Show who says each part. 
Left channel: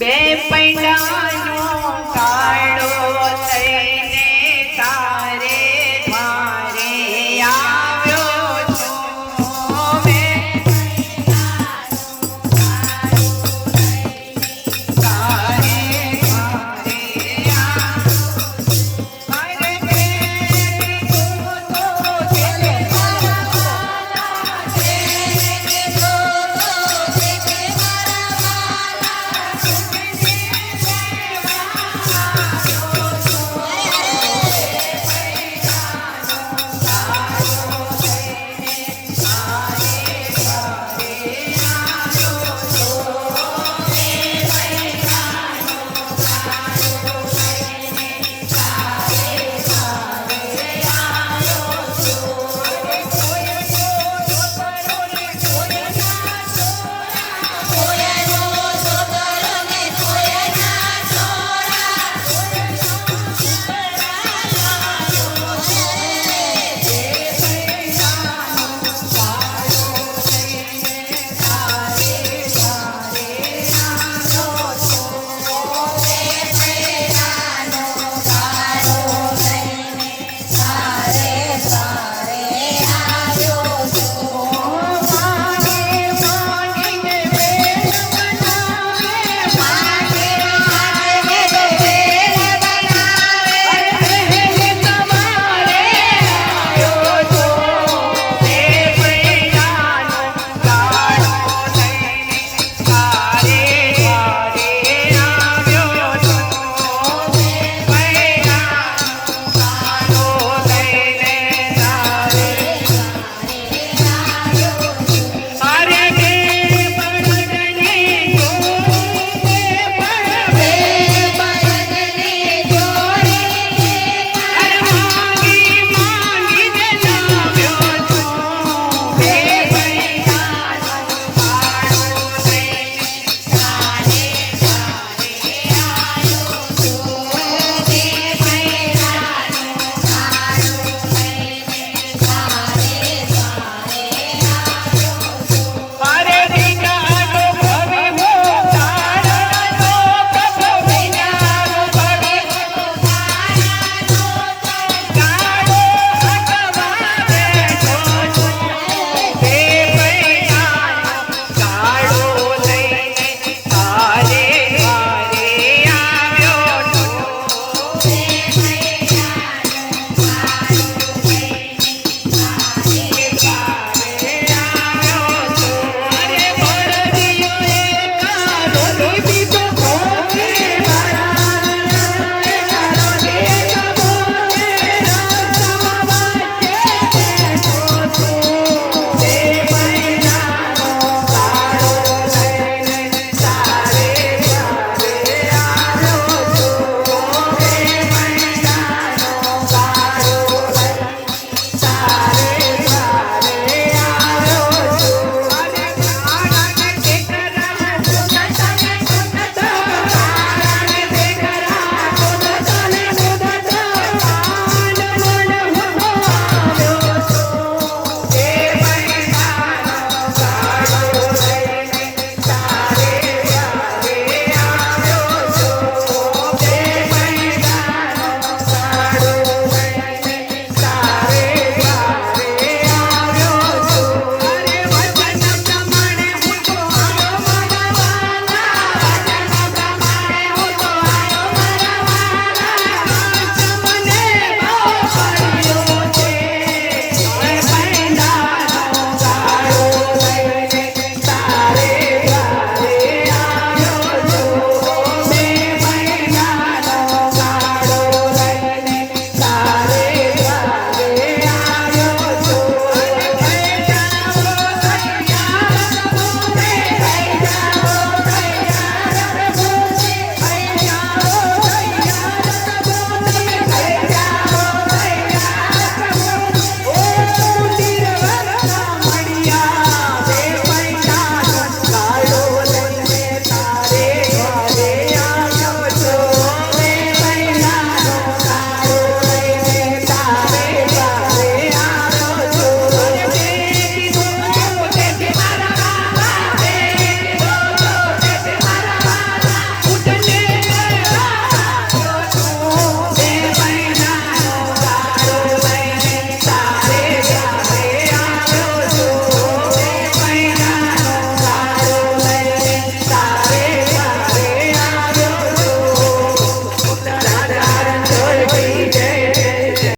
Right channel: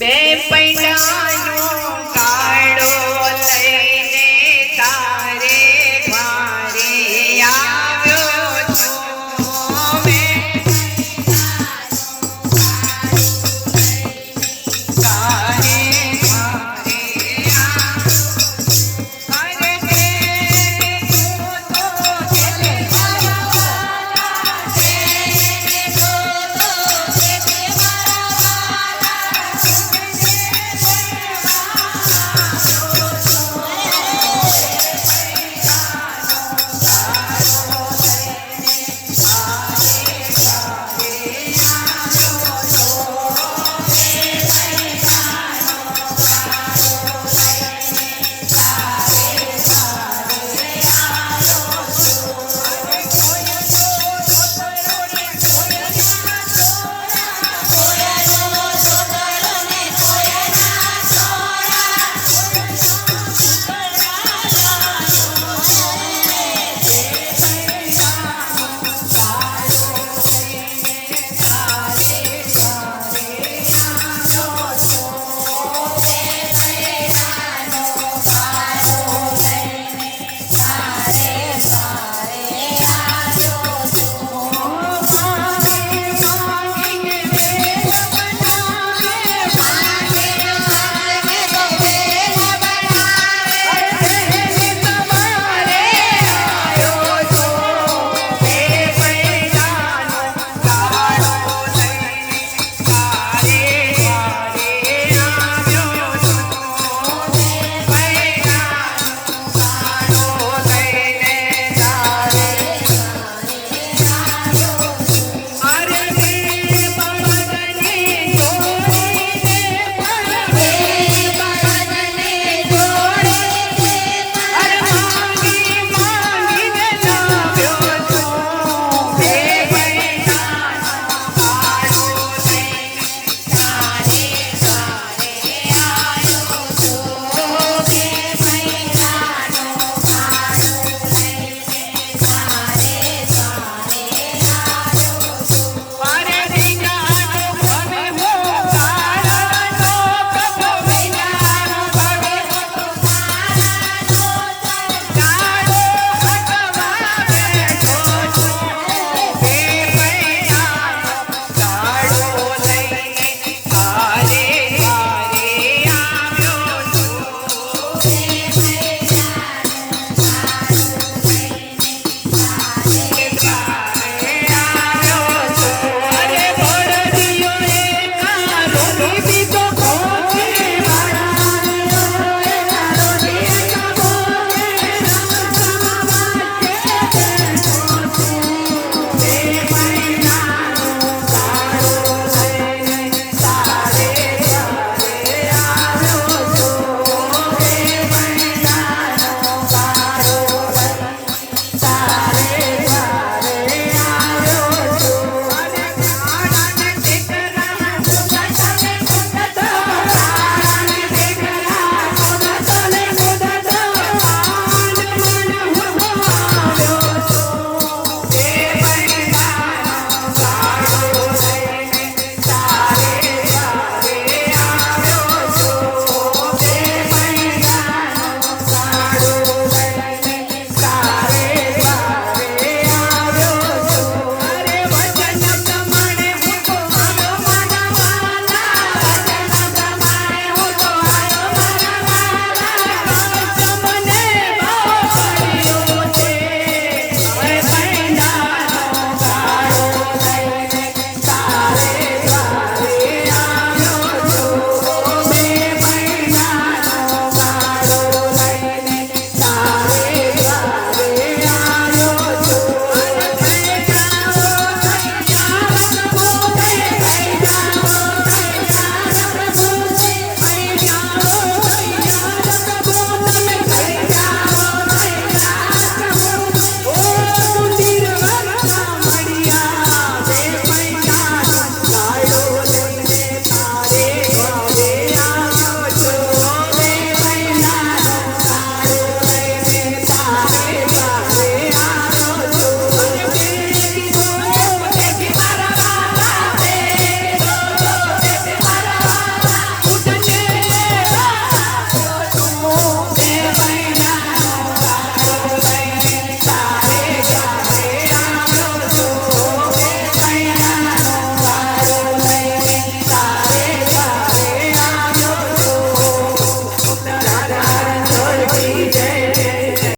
Speaker 1: બે પૈડાનો Yes.